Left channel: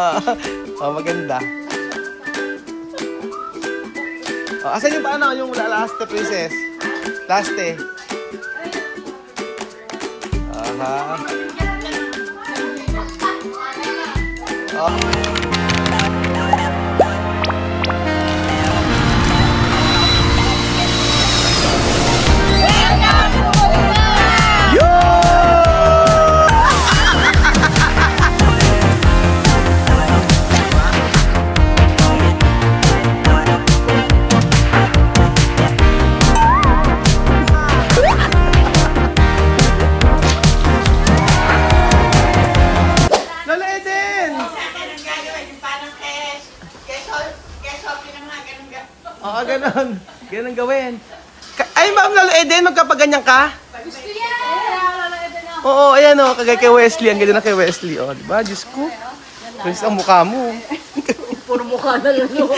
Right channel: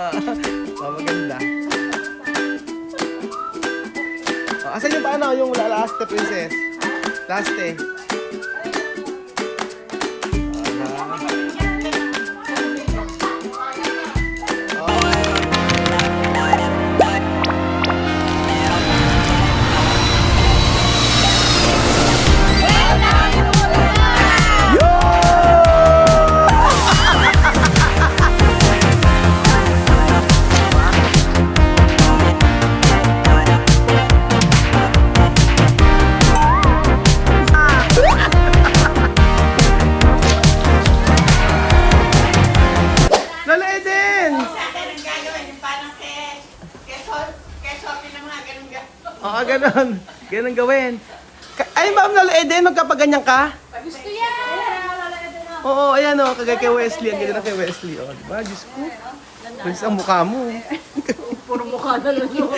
Oh, maganda. Oh, asan yung paano? Yung laste, princess? Laste. Aha. Oh. Oo, ganun. Ganun gawin. Ay, Ma'am Lolo Eden, magkapaganyan ka? Gusto yan! Oo, ayan o. Kagay kay Wesley. Ang ganda na kay Wesley. O, diba? Diyos ko. Pwes ang mukha mo. Puro mukha na lang yun.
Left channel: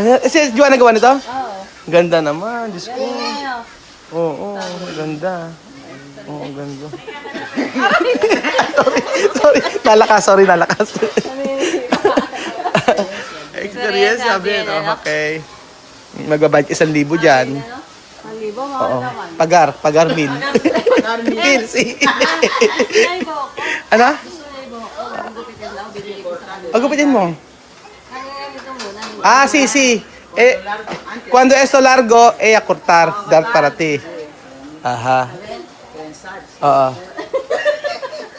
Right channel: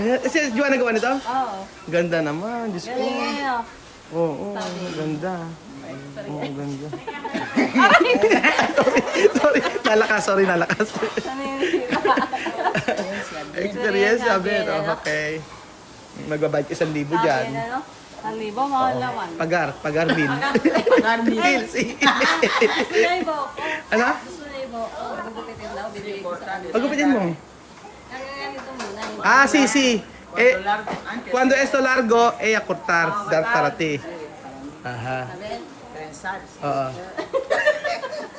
Ayan. Si Joanna gawa nito? Oo. Ganda naman. Diyos ko. Oo, ganda. Oo, ganda. sorry. Nalakas. Experience, sabi. Okay. Magbabayad 1,000 dyan. 1,000, mahal naman. Pagar min. Pilsi. Ano? Gusto na ibo ko. Gugupitin daw, bibili ko sa kanila. Gupitin mo. Kaya ganito muna. Ah, sí. Cuando esto largo, ella cortar, dar para ti. Ajá. Oo.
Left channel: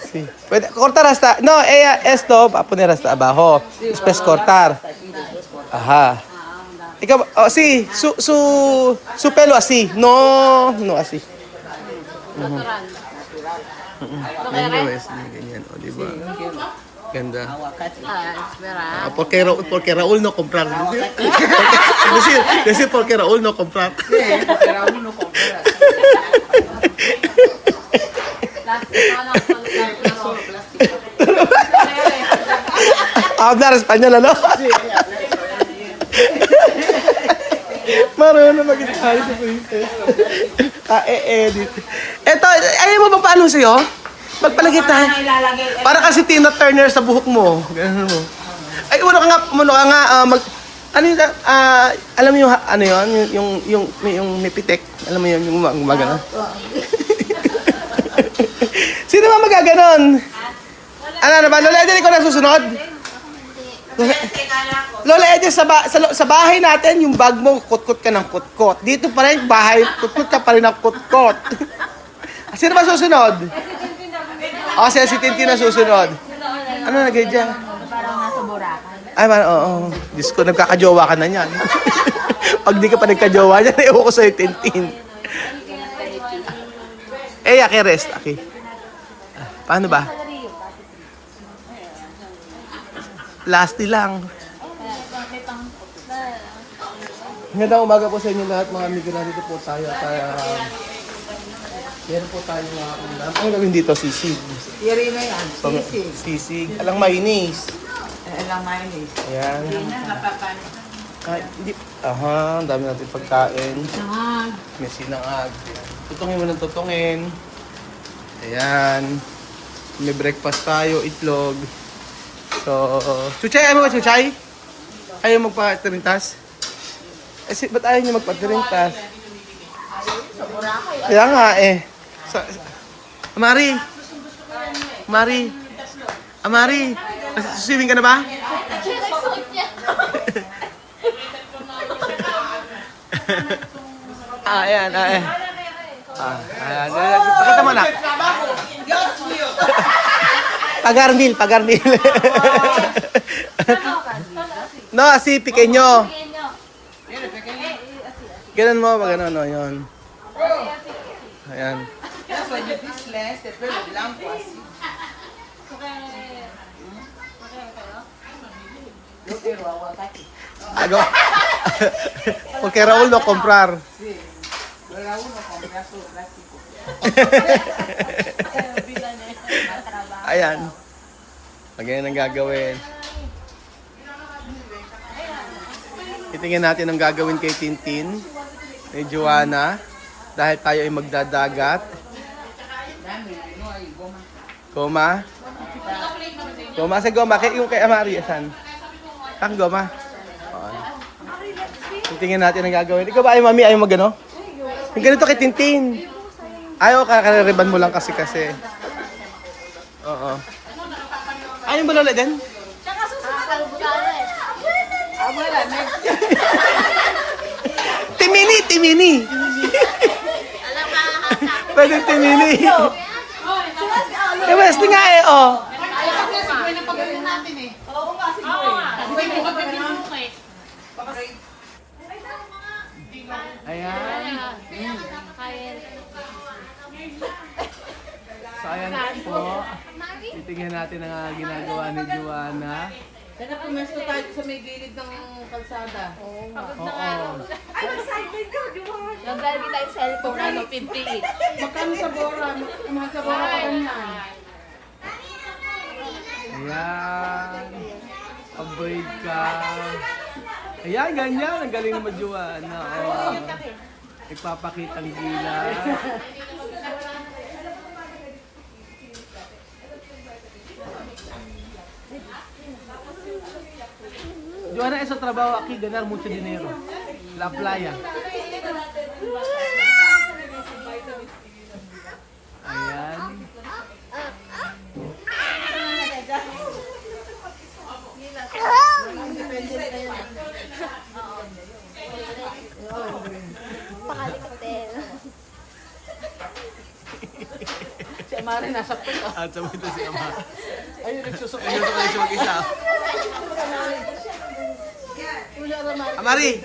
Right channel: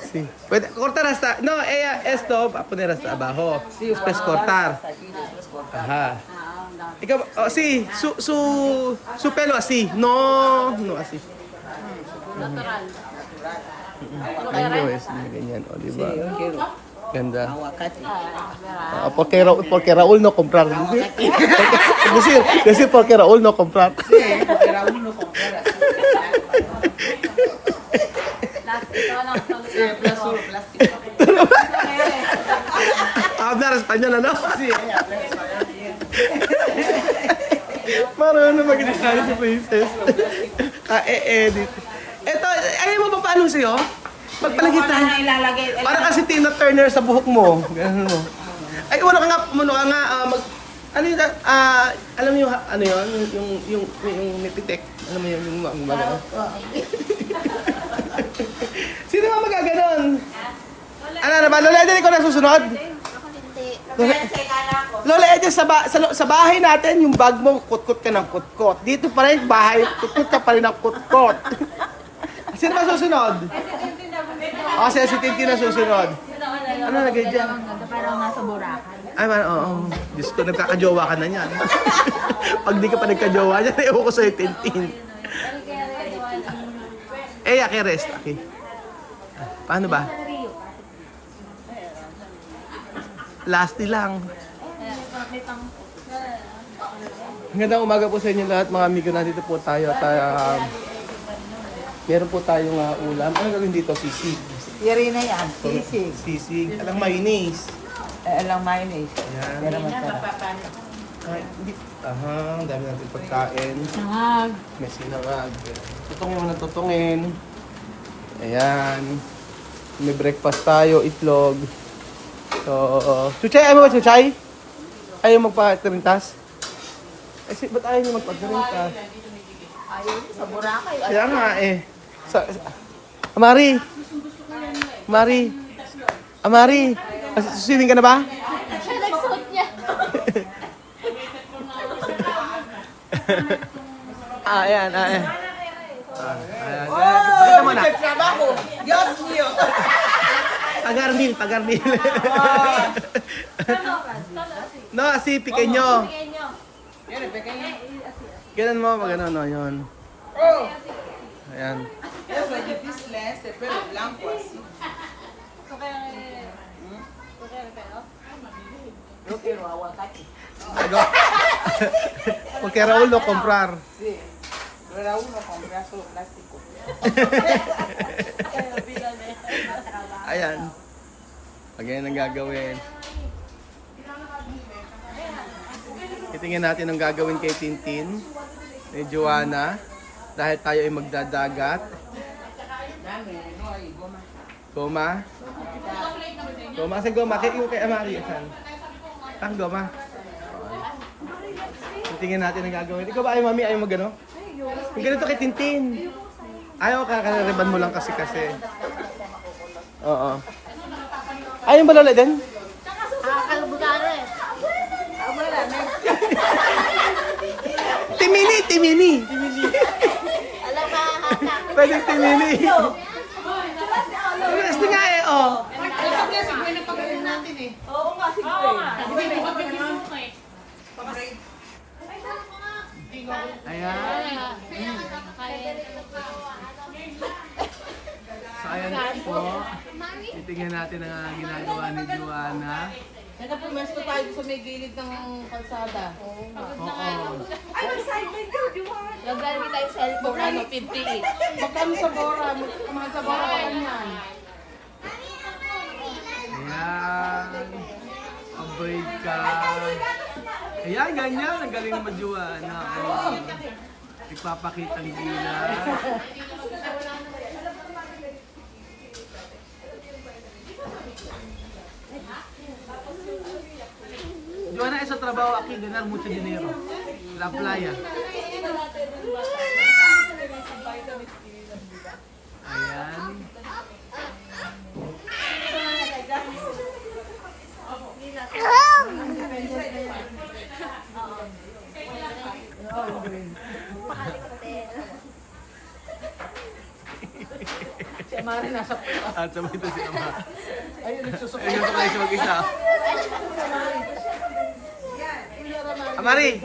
Sí. Puede cortar hasta, no, ella esto va a poner hasta abajo. Después cortar. Ajá. Ikaw, oh, sí, su pelo así. No así. Ganyan, oh, di ba? Ganda. Porque Raúl no comprar. Decir porque Raúl no comprar. Sí, porque Raúl no comprar así. Hablar español, ano? Marunong mag-itali si Princess. Edit. Eto, ayaw mo ba paano sa'yo? Magpalagay tayo. Para kasi Tina Turner sa buhok mo. Ganun mo. Ay, ano ka nga, ano yun, alam mo yung, ano yun, yung nipitek. Alam mo yun, yung magano. Sino ba magaganon? Ano ba? Lola Eden, ikaw na susunod? Lola Eden, sa bahay natin, yung bag mo, kutkot ka ng kutkot. Dito pa rin, bahay, kutkot ka pa rin ng kutkot. Sino ba susunod? Si Tintin na susunod. Ano nagay dyan? Parang nasa Boracay. Ay, oo. Diyos ko, nagkakajowa ka na yan. Pag di ka pa nagkajowa yan, ewan ko sa'yo, Tintin. Aki, rest. Aki. Paano ba? Lasty lang. Magandang umaga po sa inyo lahat, mga amigo. Nandito po tayo. Meron po tayong ulam. Ano gawin dito? Sisig. Yari na yan, sisig. Sisig. Alang mayonnaise. Alang mayonnaise. Ayan. Yari na, mapapano. Aha, ang dami natin pagkain. Sangag. May sinangag. Tutungin mo ng tutungin. Ayan. May breakfast tayo, itlog. So, Chuchay, ayaw mo ba Chuchay? Ayaw magpa-tirintas? Ba't ayaw niyo magpa-tirintas? Kaya nga Amari. Swimming ka na ba? Ayan. Ayan. Pakita mo na. Pagarnil. No, así, pequeño. Ganun mo, ganun, no, yun. Ayan. Eso es difícil, este pelo blanco así. Yo quiero aguacate. Porque Raúl no comprar. Sí, pero Raúl no compra solo plástico. Ayan. Ganyan ang gagawin. Titingnan natin ang gagawin kay Tintin, kay Joanna, dahil tayo ay magdadagat. Goma. Goma, sa goma. Yung kay Amari, asan? Ang goma. Okay. Titingnan natin ang gagawin. Ikaw ba ay mami, ayaw magano? Yung ganito kay Tintin. Ayaw, kakariban mo lang kasi. Oo. Ayaw ba lola din? Kalbutares. Timini! Pwede Timini. Eh, mas nga eh, oh. Ayan. So, ayan po. Titingnan natin ang ginagawa ni Joanna. Kaya pumesto tayo sa may gilid ng kalsada. Oo. Gagamit tayo cellphone, 58. Magkano sa Bora? Magkano sa Bora? Ayan. Avoid ka. Ayan, ganyan. Ang galing naman Joanna. Oh. Nagpapakita ang gila. Joanna, sa trabaho aquí ganar mucho dinero. La playa. Ayan. At sabay ito si Ama. Ayun, nagsusuka siya mag-isa. Amari!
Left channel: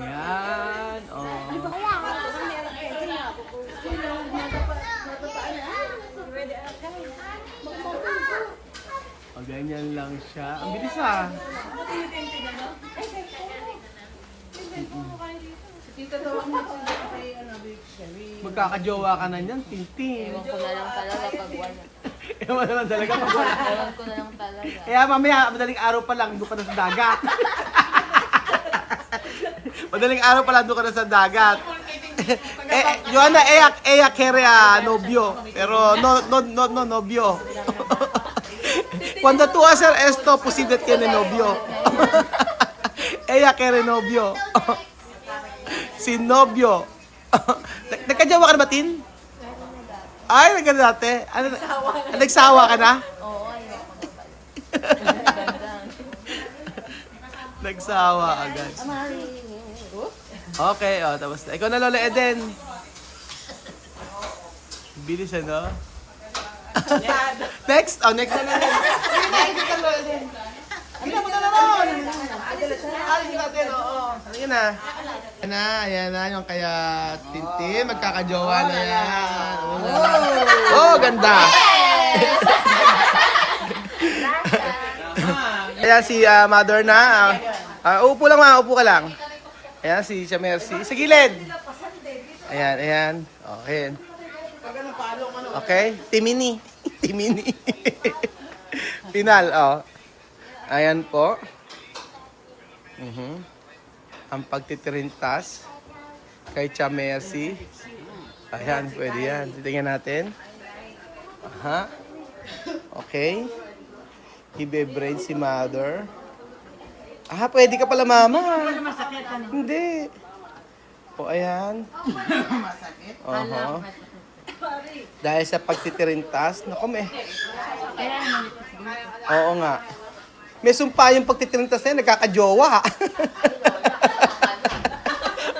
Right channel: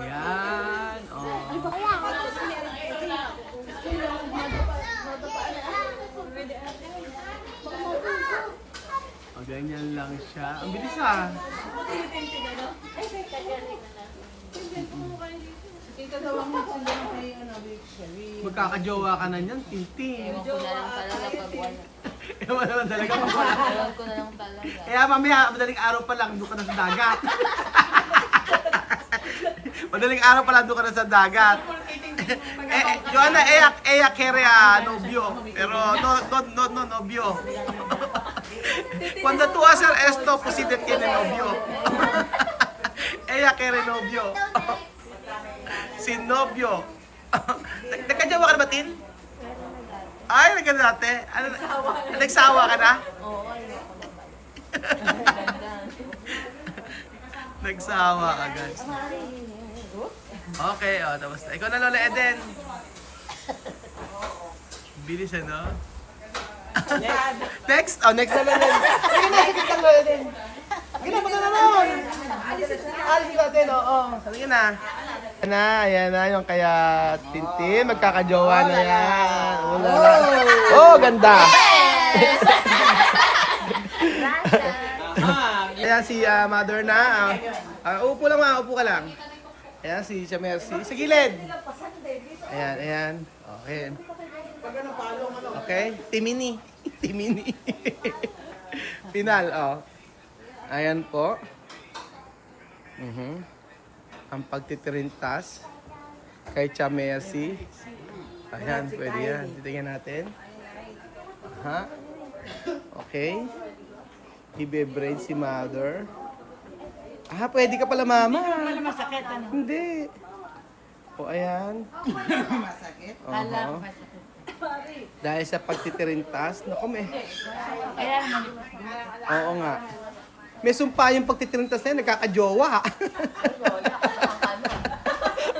Yan. O, ganyan lang siya. Ang bilis ah. Magkakajowa ka na niyan, Tintin. Ewan ko na lang talaga pag wala. Ewan na lang talaga pag wala. Ewan ko na lang talaga. Kaya mamaya, madaling araw pa lang, doon ka na sa dagat. Madaling araw pa lang, doon ka na sa dagat. Joanna, ella quiere a novio. Pero no novio. Cuando tú hacer esto, posible tiene novio. Ella quiere novio. Sin novio. Nagkajawa ka na ba, Tin? Ay, nagkadati. Ano, nagsawa ka na? Oo, ayoko na pala. Ganda. Nagsawa agad. Okay, tapos na. Ikaw na, Lola Eden. Bilis, ano? Next? Next na lang yan. Sige na, sige ka, Lola Eden. Sige na, punta na nun. Alis natin, oo. Sige na. Ayan na, yung kaya Tintin, magkakajowa na yan. Oh, ganda. Ayan si mother na. Upo lang ma, upo ka lang. Ayan si Mercy. Sa gilid. Ayan. Okay. Okay. Timini. Final, Ayan po. Ang pagtitirintas kay Mercy. Ayan, pwede yan. Titingnan natin. Aha. Okay. Ibe-braid si mother. Pwede ka pala, mama. Masakit ano? Hindi. O, ayan. Masakit? Oho. Dahil sa pagtitirintas, naku, Kaya naman Oo nga. May sumpa yung pagtitirintas na yun, nagkakajowa.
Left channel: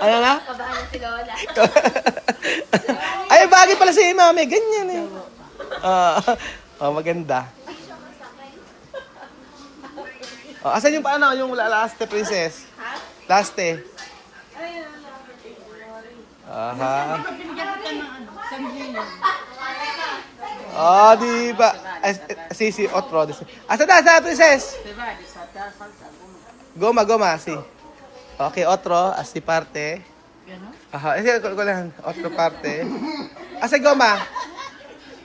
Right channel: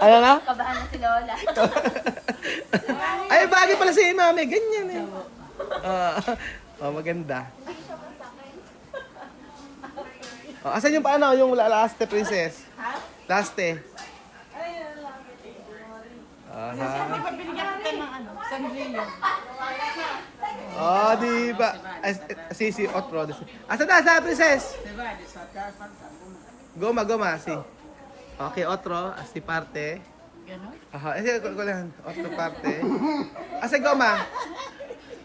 Ano na? Kabahan na si Lola. Ay, bagay pala si mami. Ganyan eh. Maganda. Asan yung paano? Yung laste, princess? Laste. Aha. binigyan kita ng sandrilyo. Di ba? Si otro. Asa na, sa princess? Diba? Di sa tasal. Goma, si. Okay, otro, así parte. Ganon? Aha, ko lang. Otro parte. Asa goma?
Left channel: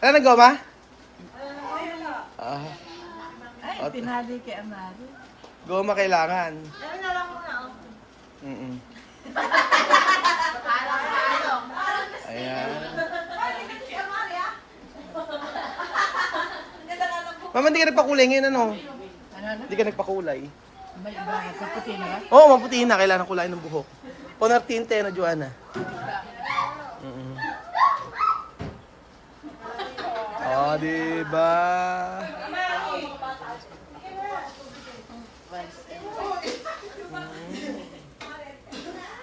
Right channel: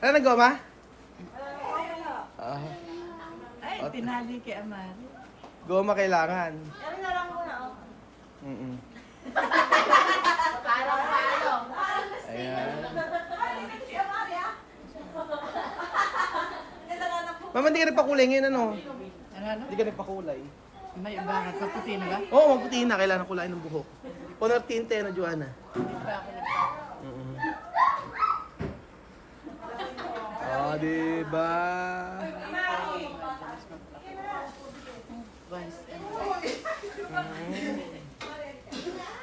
Ano na goma? Aha. Ay, tinali kay Amari. Goma kailangan. Mm-mm. Ayan. Mama, hindi ka nagpakulay ngayon, ano? Hindi ka nagpakulay. May bakit? Kaputi na ba? Oo, maputi na. Kailangan kulay ng buhok. Poner tinte na, Joanna. Mm-mm. Oh, diba?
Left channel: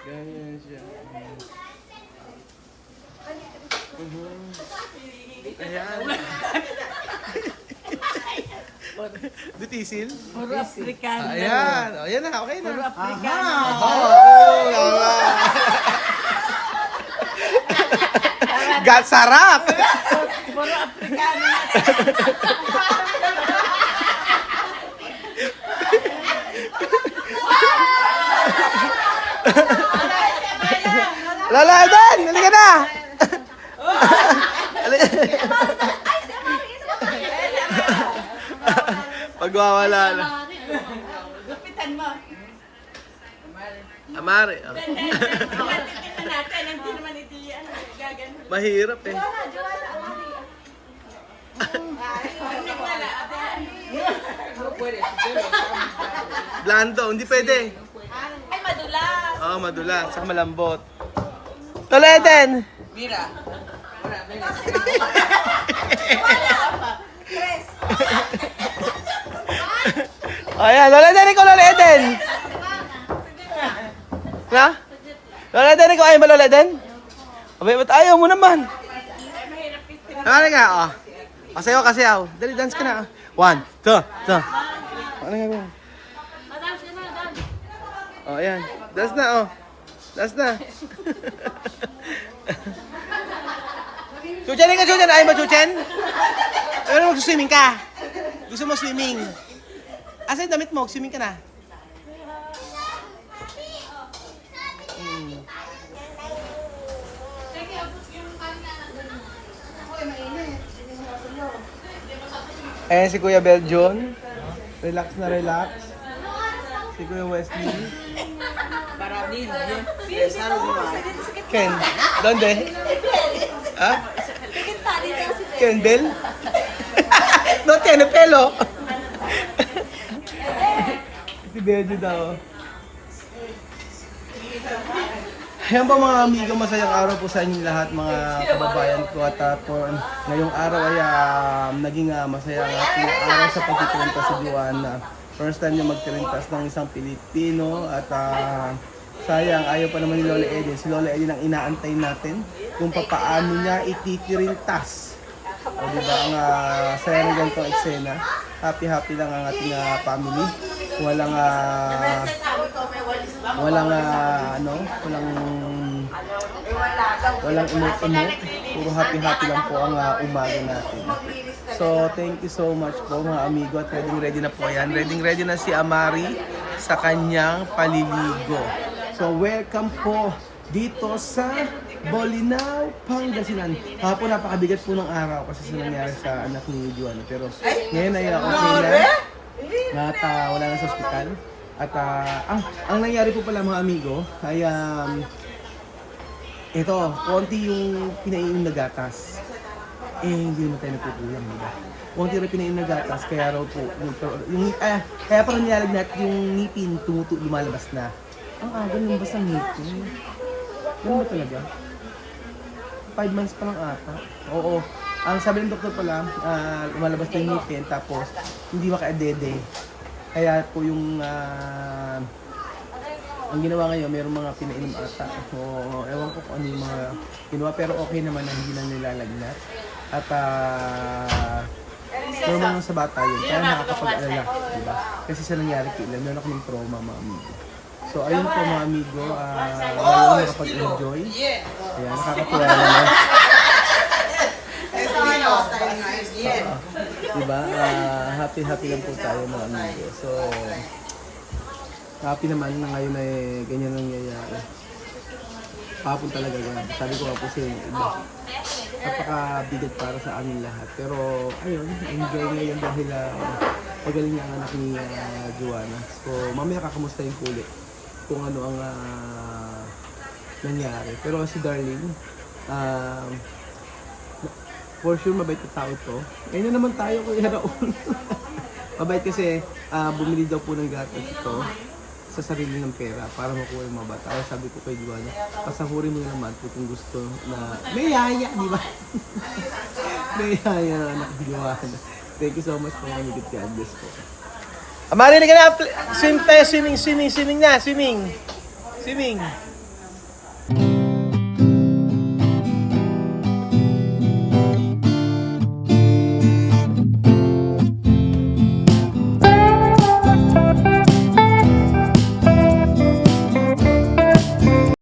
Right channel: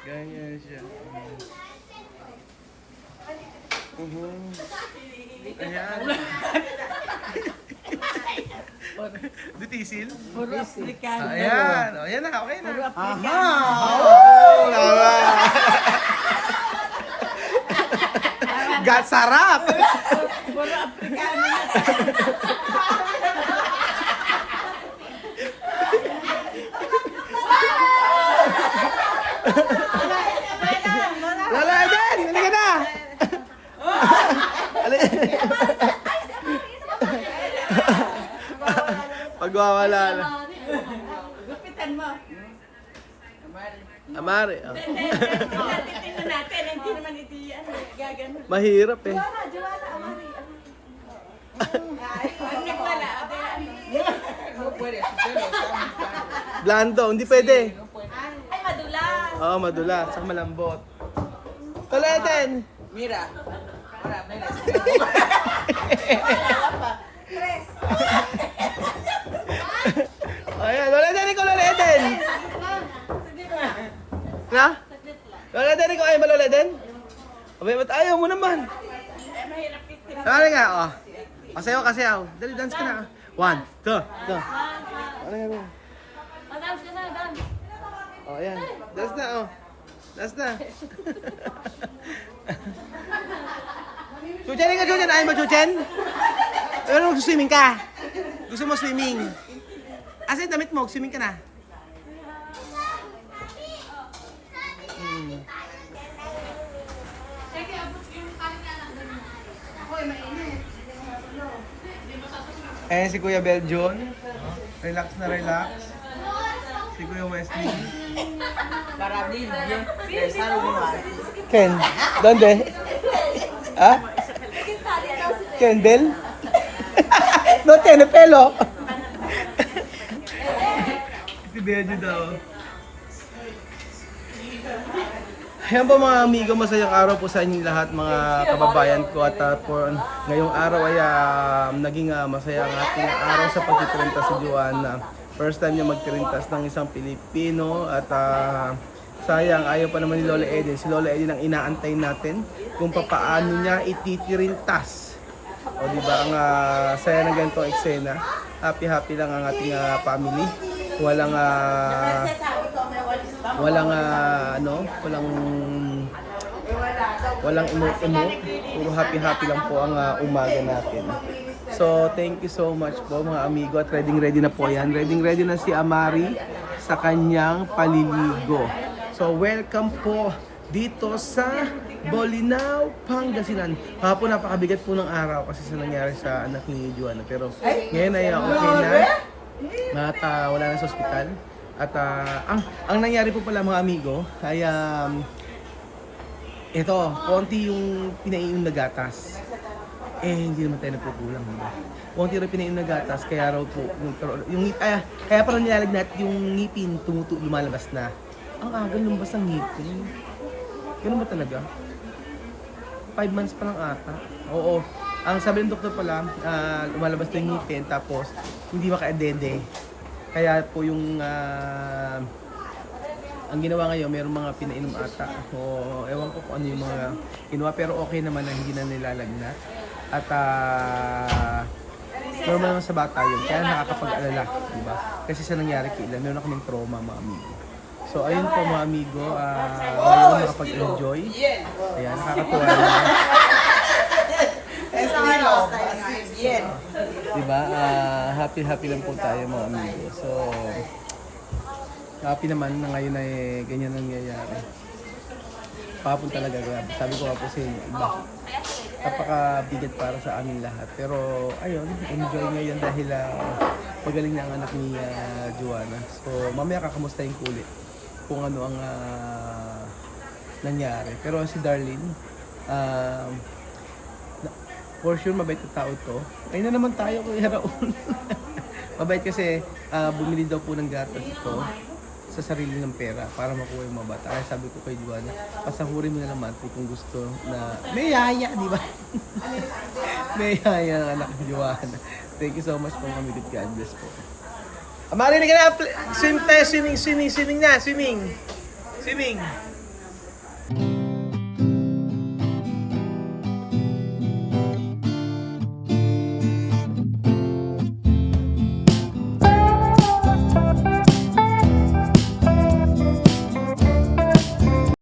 Ganyan siya. Ayan. Dutisil? Puro Afrikano. Ayan. O, yan na. Okay na. Puro Afrikano. Oo, tama. Gat sarap. Puro Afrikano. Lola Eden, halika na. Pagwawala na. Gupitan mo. Amare. Oh. Titingnan natin. Hindi naman ito yan. Gaganon. Mahirap eh. Pag nagwala, Blando, hindi pwede. ay madulas. Oo, madulas. Saka malambot. Lola Eden. Mira. Ayan, Lola Eden, ikaw Lola Eden. Na? Lola Eden, ikaw ayaw ba Lola Eden? Abay, ba't ayaw mo naman? Ano nga, oh. Kasayaw, kasayaw. Dali, dance ka na. 1, 2, 2. Ano nga, gawin? Oh, ayan. Dance na, oh. Dance na. Chuchen ka, Chuchen. Ayaw mo, Chuchen? Pero mag-swimming ka. Gusto mo swimming. Asa yung damit mo? Swimming ka na. Ayan si Kuya Beljon. Relax na relax. Si Kuya Wesley. Karabin. Saro mo nga. Ken. Donde? Ha? Ken Bell? No, tiene pelo. Si Beljo daw. Yan po mga amigo, masayang araw po sa inyong lahat mga kababayan ko at for ngayong araw ay naging masaya ang ating araw sa pagtitirintas si Joanna. First time niya magtirintas ng isang Pilipino at sayang ayaw pa naman ni Lola Eden. Si Lola Eden ang inaantay natin kung papaano niya ititirintas. O diba ang saya ng ganitong eksena. Happy lang ang ating family. Walang emote. Puro happy lang po ang umaga natin. So, thank you so much po mga amigo at ready na po yan. Ready na si Amari sa kanyang paliligo. So, welcome po dito sa Bolinao, Pangasinan. Hapon napakabigat po ng araw kasi sa nangyari sa anak ni Joanna. Pero ngayon ay okay na. At wala na sa ospital. At ang nangyari po pala mga amigo ay ito, konti yung pinainom na gatas. Hindi naman tayo nagkukulang, diba? Konti rin pinainom na gatas, kaya raw po, kaya parang nilalagnat yung ngipin, lumalabas na. Ang aga lumabas ang ngipin. Ganun ba talaga? 5 months pa lang ata. Oo. Ang sabi ng doktor pala, lumalabas na yung ngipin, tapos hindi makaadede. Kaya po yung ang ginawa ngayon, mayroong mga pinainom ata. O ewan ko kung ano yung mga ginawa, pero okay naman na hindi na nilalagnat. At normal naman sa bata yun, kaya nakakapag-alala, di ba? Kasi sa nangyari kay Ilan, meron kaming trauma mga amigo. So ayun po mga amigo, ngayon nakapag-enjoy. Ayan, nakakatuwa naman. Diba? Happy lang po tayo mga amigo. So, happy naman na ngayon ay ganyan ang nangyayari. Papun talaga, grabe. Sabi ko nga po sa inyo, iba. Napakabigat para sa amin lahat. Pero, ayun, enjoy ngayon dahil magaling na ang anak ni Joanna. So, mamaya kakamustahin ko ulit kung ano ang nangyari. Pero si Darlene, for sure mabait na tao to. Ayun na naman tayo kay Raul. Mabait kasi bumili daw po ng gatas ito sa sarili ng pera para makuha yung mga bata. Kaya sabi ko kay Juana, pasahurin mo na naman kung gusto na may yaya, di ba? May yaya ang anak ni Juana. Thank you so much po, Mami. Good God bless po. Amari na ka na, swim tayo, swimming na, swimming.